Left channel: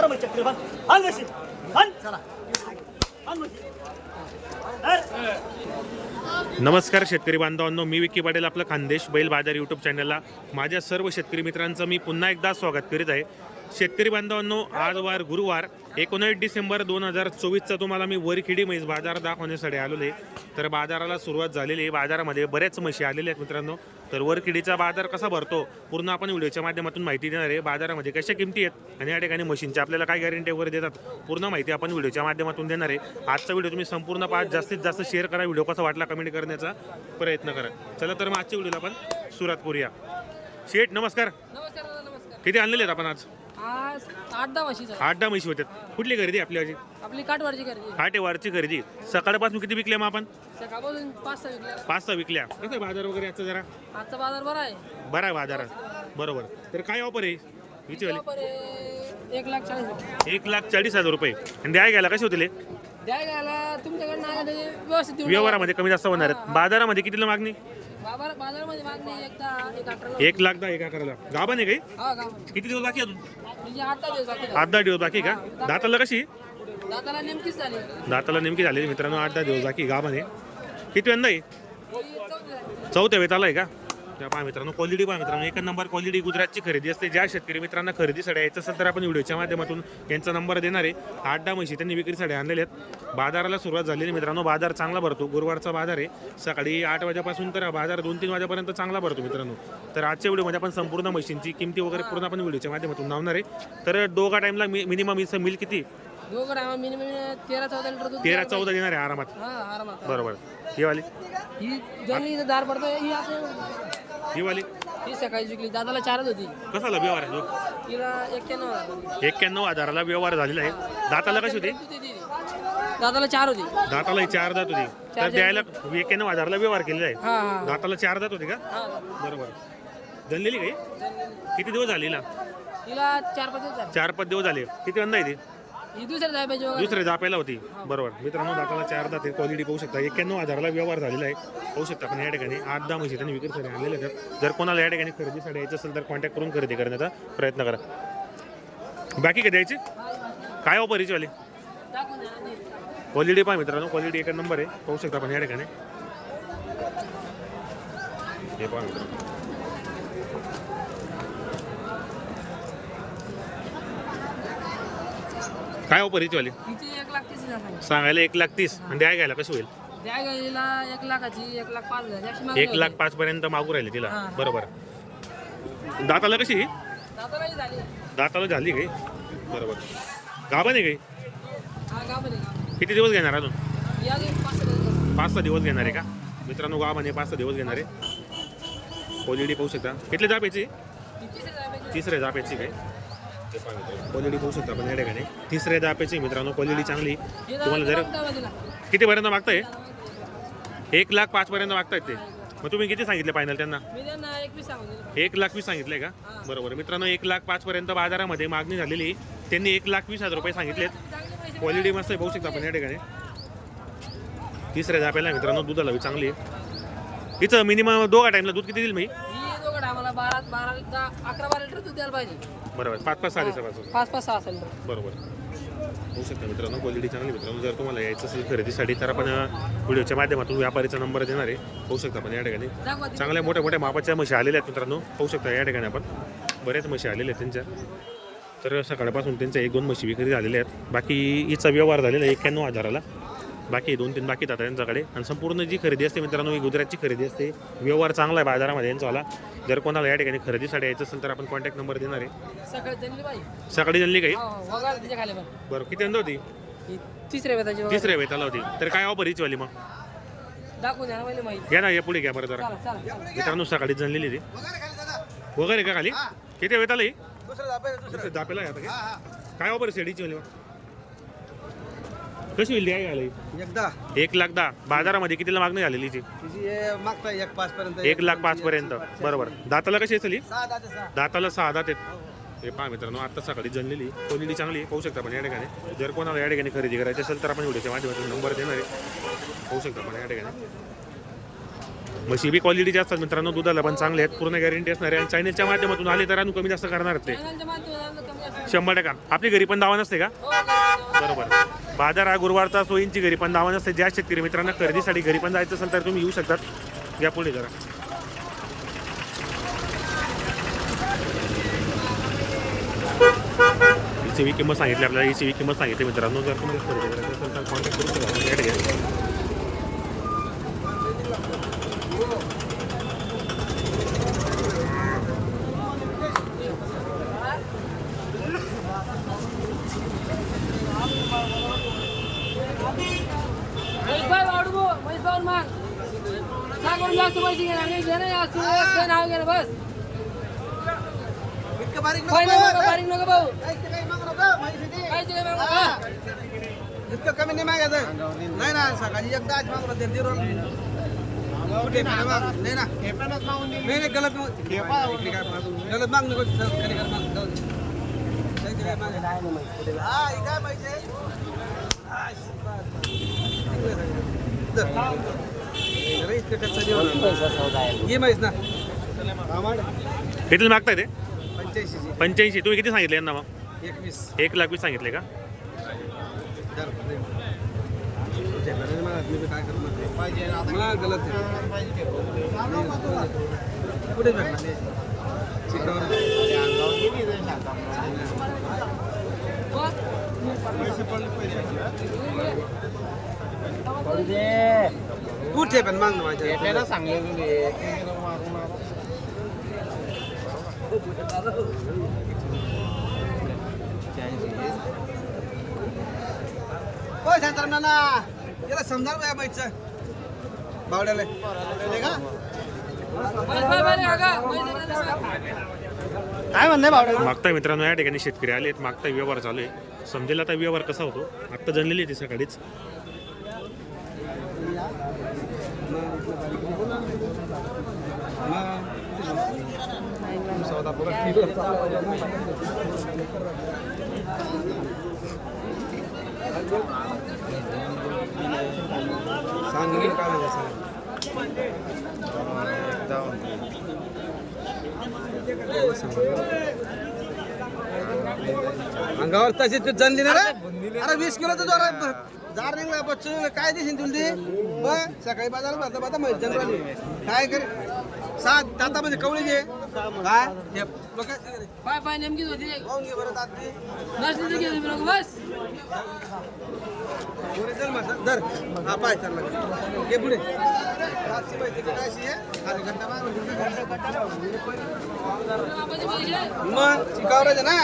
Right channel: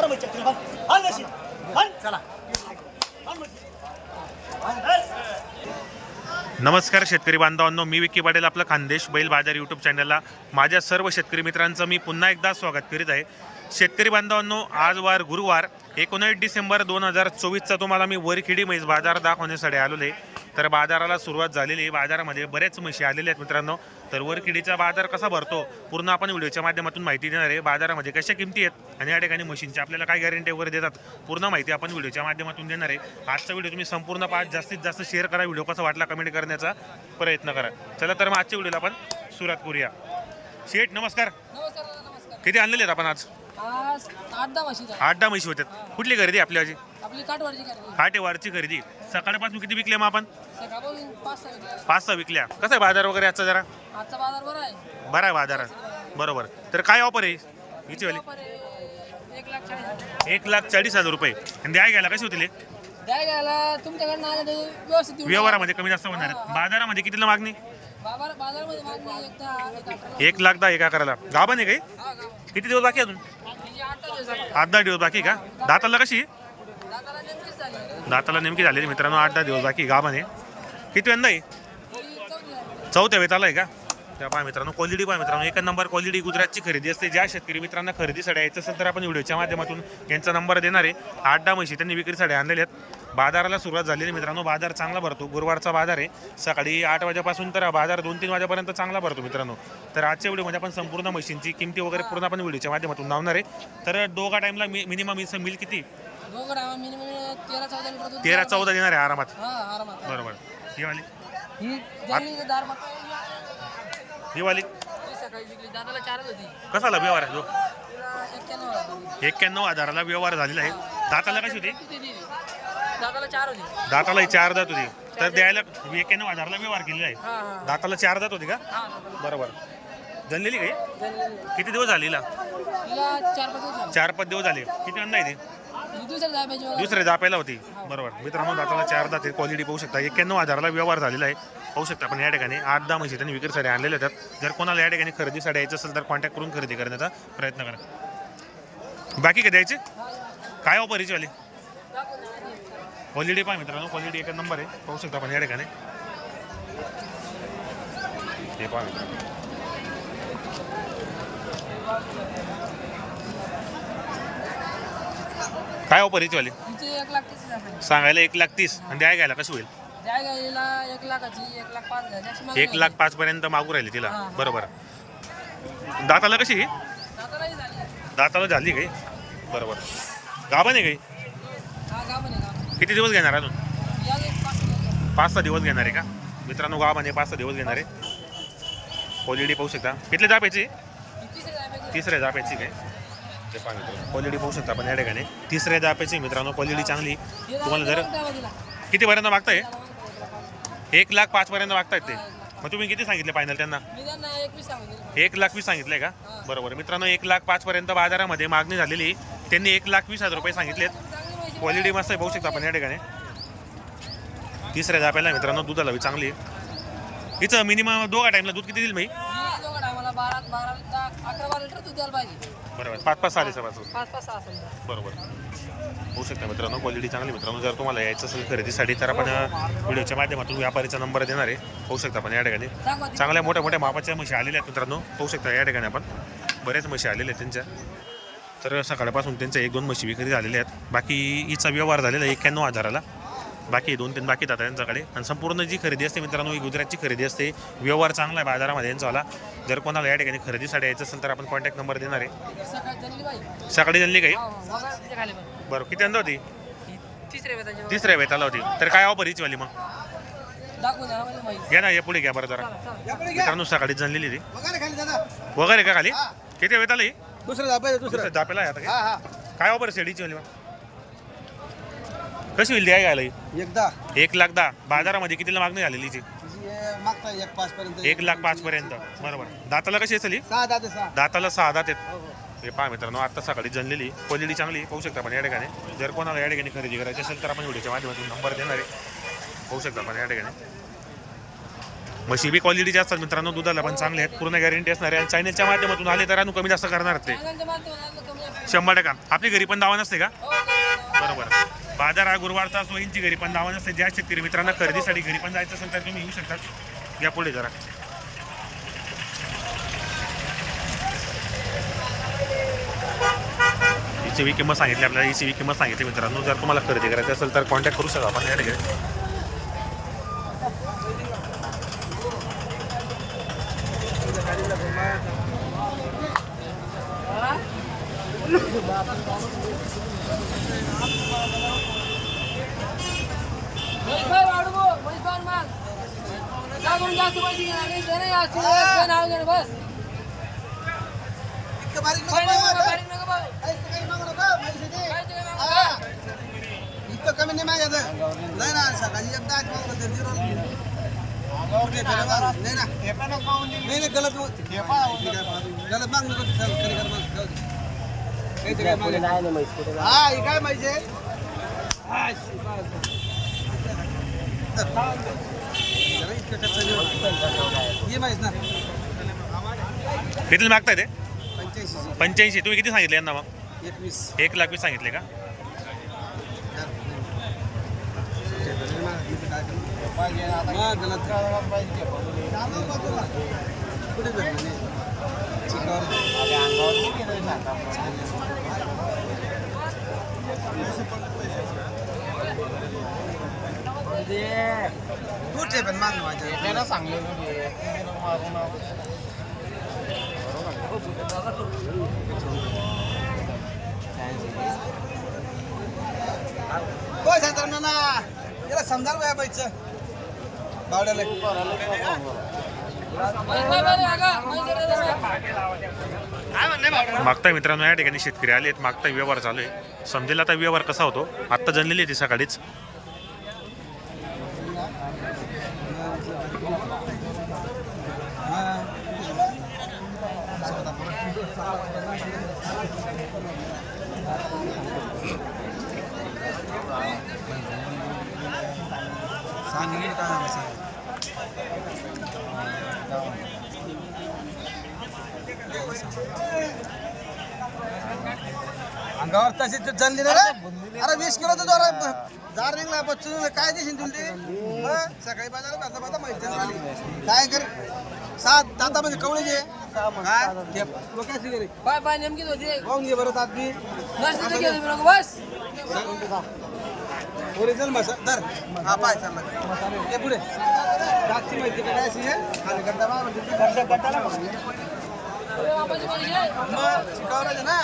कर मग चक्री बंद. हाल मशीन. हाल चला. हाल मशीन. धर. नमस्कार शेतकरी बांधवांनो मी विकी पाटील आपलं खानदेश बैल बाजार यूट्यूब चॅनलला माझ्या सर्व शेतकरी मित्रांचं मी पुन्हा एकदा स्वागत करीत आहे. शेतकरी बांधवांनो आज वार गुरुवार एकोणीस डिसेंबर दोन हजार चोवीसचा तुम्हाला मी वरखिडी म्हैस बाजार दाखवण्यासाठी आलेलो आहे. तर बाजाराला सुरुवात झालेली आहे. बाजारामध्ये बरेच म्हशी आलेले आहेत मित्रांनो. तर वरखिडीचा बाजार कसा भरतो पूर्ण आपण व्हिडिओच्या माध्यमातून माहिती देणार आहे. बाजारामध्ये कशा किमती आहेत आणि या ठिकाणी मशीनची आपल्याला काय गॅरंटी वगैरे देतात पूर्ण माहिती आपण व्हिडिओच्या माध्यमातून देणार आहे. आजचा व्हिडिओ तुम्ही संपूर्ण पाच जास्तीत जास्त शेअर करा. व्हिडिओ कसा वाटला कमेंट करण्याचा प्रयत्न करा. चला तर मग आजच्या व्हिडिओला आपण सुरुवात करूया. दादा नमस्कार. किती आणलेले आहेत आपण आज? आज आठ दहा म्हशीचा आठ दहा म्हशी होत्यात. कुठली खरेदी आपली आजी? आपली काठवाडची खरेदी. काटेवारची खरेदी. सकाळपासून किती विकल्या मग आपण? सकाळपासून पाच सहा विकल्या. पाच सहा विकल्या. कसा आहे बाजार वगैरे आजचा जरा? आजचा बाजार बरा आहे. बरा आहे बाजार. बरोबर. तर काय ऑफर आहे? हिची वाली. एक लाख चाळीस हजार. एक लाख चाळीस हजार रुपये. आणि द्याय घ्यायला कसे होतील हे? घ्यायला तुमच्याकडनं आले तर व्यवस्थित देऊन व्यवहारामध्ये कमी जास्त होणार आहेत. बाजारामध्ये कितीला मागणी? टाका. बाजार बाजारामध्ये मागणी एक दहा एक अठरा एक लाख दहा एक अकराला. गाभा नाही काही? हा किती दिवस बाकी अजून? आठ दहा दिवस लागले. आठ दहा दिवस बाकी का? दाताला कशी? दाताला नेमकी झालेली मित्रांनो आठ दहा दिवस बाकी गाभाने किती वेंदा आहे. चौथ्या वेताला आहे का? त्या पहा मित्रांनो क्वालिटी पहा मित्रांनो. एक नंबर क्वालिटी गुजरातची खरेदी असते. ज्या शेतकरी मित्रांना खरेदीसाठी यायचं असेल तर आपण व्हिडिओच्या माध्यमातून यांचा नंबर देणार आहे. आठ दहा म्हशी त्यांनी विक्रीसाठी आणलेल्या आहेत. बाजाराला सुरुवात झालेली मित्रांनो. बाजार चांगला भरतो. गुरुवारचा बाजार आहे. सकाळी आठ वाजेपासून तर बाजार दोन तीन वाजेपर्यंत चांगला भरतो मित्रांनो. तर आजच्या व्हिडिओमध्ये आपण संपूर्ण म्हशींची किमती वगैरे पूर्ण आपण व्हिडिओच्या माध्यमातून लावणार आहे. तर दोघा टाईमला मिनिमम मिल किती? तेरा चौदा लिटर दूध तेरा चौदा देणार आहे. हा आरामात. बरोबर. ही वाली. ही वाली सकाळी विकली दादाला चारच होती. कसाला व्यवहार आहे तिला एक्क्याण्णव हजार एक्क्याण्णव हजाराला व्यवहार झालेला आहे. दाताला कशी होती? दादाला चार होती. दाताला चार दात होती. तर द्यायला एक्क्याण्णव हजारला व्यवहार केलेला आहे. हा हा. दाताला चार दात होती का? हा बरोबर. जनलेली काही. किती दिवस झाली हिला? तिला चार पाच दिवस झाले. चार पाच दिवस झाले. किती अंदा आहे ती? ही दुसऱ्या बघा. दुसरे जापेला होती. बरोबर. मित्रांनो दाताला चार दात क्वालिटी पाहू शकता. एक्क्याण्णव हजाराला व्यवहार झालेला आहे. पाहू शकता पण या ठिकाणी. आठ दहा म्हशी त्यांनी विक्रीसाठी आणलेल्या आहेत जर कोणाला या ठिकाणी खरेदीसाठी यायचं असेल तर कॉन्टॅक्ट करून खरेदी करण्याचा प्रयत्न करा. बाकी काय द्यायचे? काय ऑफर वाले क्वालिटी पहा मित्रांनो. क्वालिटी एक नंबर आहे. पाहू शकता आपण या ठिकाणी. हे पहा मित्रांनो. काय ऑफर हिची वाली हिची एक लाख तीस हजार आहे. सांगायला एक लाख तीस. आणि द्याय घ्यायला कसं होईल? एक लाखाची एक लाख पाच हजार. याची मागणी एक लाख पाच पर्यंत मागू राहिले तिला. हा. बरोबर. दाताला कशी होती. दादालाही झाली. दाताला झाली काही बरोबर. गाभा नाही काही हा? किती दिवस घेणार अजून? या पाच सहा दिवस झाले. पाच सहा दिवस घेणार आहे का? मित्रांनो गावाने पाच सहा दिवस घेणार आहे. क्वालिटी पाहू शकता. किती जापेची ही तिसरी जाय तिसऱ्या काय? ते क्वालिटी पाहू शकता आपण या ठिकाणी. तिसऱ्या जापेची मित्रांनो क्वालिटी चांगली. तुम्हाला जर दादा दावा दिला किती पर्यंत मागताय. एक लाख पाच पर्यंत मागतायत ते. मग तुम्ही किती सांगितले फायनल त्यांना? एक लाख वीस सांगितले का. बरोबर. मित्रांनो एक लाख पाच पर्यंत बाजारामध्ये मागणी झालेली. त्यांनी एक लाख वीस हजार रुपये सांगितलेत. क्वालिटी मस्त आहे पाहू शकता आपण या ठिकाणी. तिसऱ्या जाप्याला मित्रांनो दुधाला बी चांगली आहे. इथं मिनिमम दोघा टाईमला दूध किती देईल मी बारा बारा अकरा बारा लिटर दूध द्यायला पाहिजे. बरोबर. पाच पाच सहा दिवसापासून. पाच पाच सहा असेल. बरोबर. होऊ शकता मित्रांनो क्वालिटी चांगली मित्रांनो. जर तुम्हाला यायचं असेल खरेदीसाठी तर आपण व्हिडिओच्या माध्यमातून व्यापारीचा नंबर देणार आहे. पाहू शकता आपण या ठिकाणी. चांगल्या मोठ्या मोठ्या मापाच्या म्हशी आलेल्या आहेत मित्रांनो. पाहू शकता या ठिकाणी आपण. बऱ्याच म्हशी आलेल्या आहेत त्यांच्या. तर सकाळपासून त्यांच्या एक दोन म्हशी विक्री झालेल्या आहेत. बाकी हिचा व्यवहार झालेला आहे एक्क्याण्णव हजाराला. बाकी दोन तीन बाकी जातात त्यांच्याकडे आणि संपूर्ण जी खरेदी असते मित्रांनो ही गुजरातची खरेदी असते. व्यवहार चांगला आहे बाजारामध्ये यांचावाला जर कोणाला या ठिकाणी खरेदीसाठी यायचं असेल तर आपण कॉन्टॅक्ट नंबर देणार आहे. सकाळी जनली काही? हा, हा. बरं किती अंदा होती? ही तिसऱ्या. तिसऱ्या वेताला होती. तर काय ऑफर हिची वाली मग? दाखवून द्या आम्हाला माहिती. या ना या पुढे घ्या बरं जरा. मित्रांनो सकाळी जनलेली ती. वगैरे खाली दादा. वगैरे का खाली? किती वेताला ही? दुसरं दाबायचं दुसरं. दुसरं जापेला आहे आता काय? काय ऑफर शेडीची वाली मग? कशी होईल द्या घ्यायला ही? एकदा. एक लाख दहा. बाजारामध्ये कितीला मागणी झालेली ती हे मागता एक पाच पर्यंत. एक लाख पाच पर्यंत. बरोबर. दाताला कशी असेल ही? सहा दादा सहा. दाताला सहा दात आहेत. हे पहा मित्रांनो आता सकाळी जनलेली. क्वालिटी चांगली आहे, पाहू शकता पण या ठिकाणी. जर कोणाला या ठिकाणी खरेदी करायची असेल तर आपण व्हिडिओच्या माध्यमातून नंबर देणार आहे. पाहू शकता पण या ठिकाणी. म्हशी बी क्वालिटीचे असतात मित्रांनो. दुधाला पण चांगले आहेत. पूर्ण गॅरंटी असणार आहे आणि चॅनलच्या माध्यमातून आले तर अजून कमी जास्त करणार ते. शंभर टक्का. आपली घरी पण दावा नसते का? हो. बरोबर. बाजार हा गुरुवारचा सोयींची घरी पण लावण असते ज्या शेतकरी मित्रांना खरेदीसाठी घरी पण जायचं असेल तर तुम्ही येऊ शकतात या पुढे जरा. हिची बी किंमत सांगितली आपल्याला. हिची बी किंमत सांगितली मित्रांनो. जर तुम्हाला खरेदी करायची असेल तर कॉन्टॅक्ट करू शकता. आपण या ठिकाणी म्हैसभाई वाढवू, म्हैसभाई माग. काय करून जास्त पैसे घेणार नाही दे ना या तुला एक दोन नाव घे ना बस इतकं बारीक नको बारीक नको. भाऊ काही मागू नको, हा. कमी नाही मागायचं. नाही. ना सकाळी एकदा आज मागू नका, झिरो. कुठे पण माग. नाही ना. नाही नाही गलत गलत माग नको खरी कर माग जाऊ दे. काहीच काय. हा हे पाहिजे हा, इतकं ये माहीत ना. किती मागताय ते? पंच्याऐंशी पंच्याऐंशी. तुम्ही किती सांगितले यांना मग? एकवीस. एक लाख वीस सांगितले का? धर. आहे. नाही, पुढे धर ना, नाही. चिकावर. पैसे पडले पाहिजे. कुठे पण मागणं माझे हो शांताराम नाना याला समजाल का बाईचं बावड्याला. काय म्हणणं मागताय मित्रांनो या ठिकाणी शेतकरी आले आहेत मागताय व्यवहार चालू आहे समजेल आता व्यवहार कसा होतो आत्ता जनलेली ती सकाळीच सांग मी काय झालं सांग अंगावर तशी तू जनली ना अरे वीस किलो तर जरा जार निघला बच्चू काय देशील तुला ते मग सकाळी बाजार भरता भरता माहिती जनरली काय कर? सात दातामध्ये कवळे जे काय घे. मग काय शिकाय रे पाय पाय नेमकीच होती. पाहून घे बरं तात बी. नसली तर घे तुम्ही बस. धर. हा पाय चालला. हे पुढे. रातची माहिती का काय अशी आहे? खाली मग शिकावर ना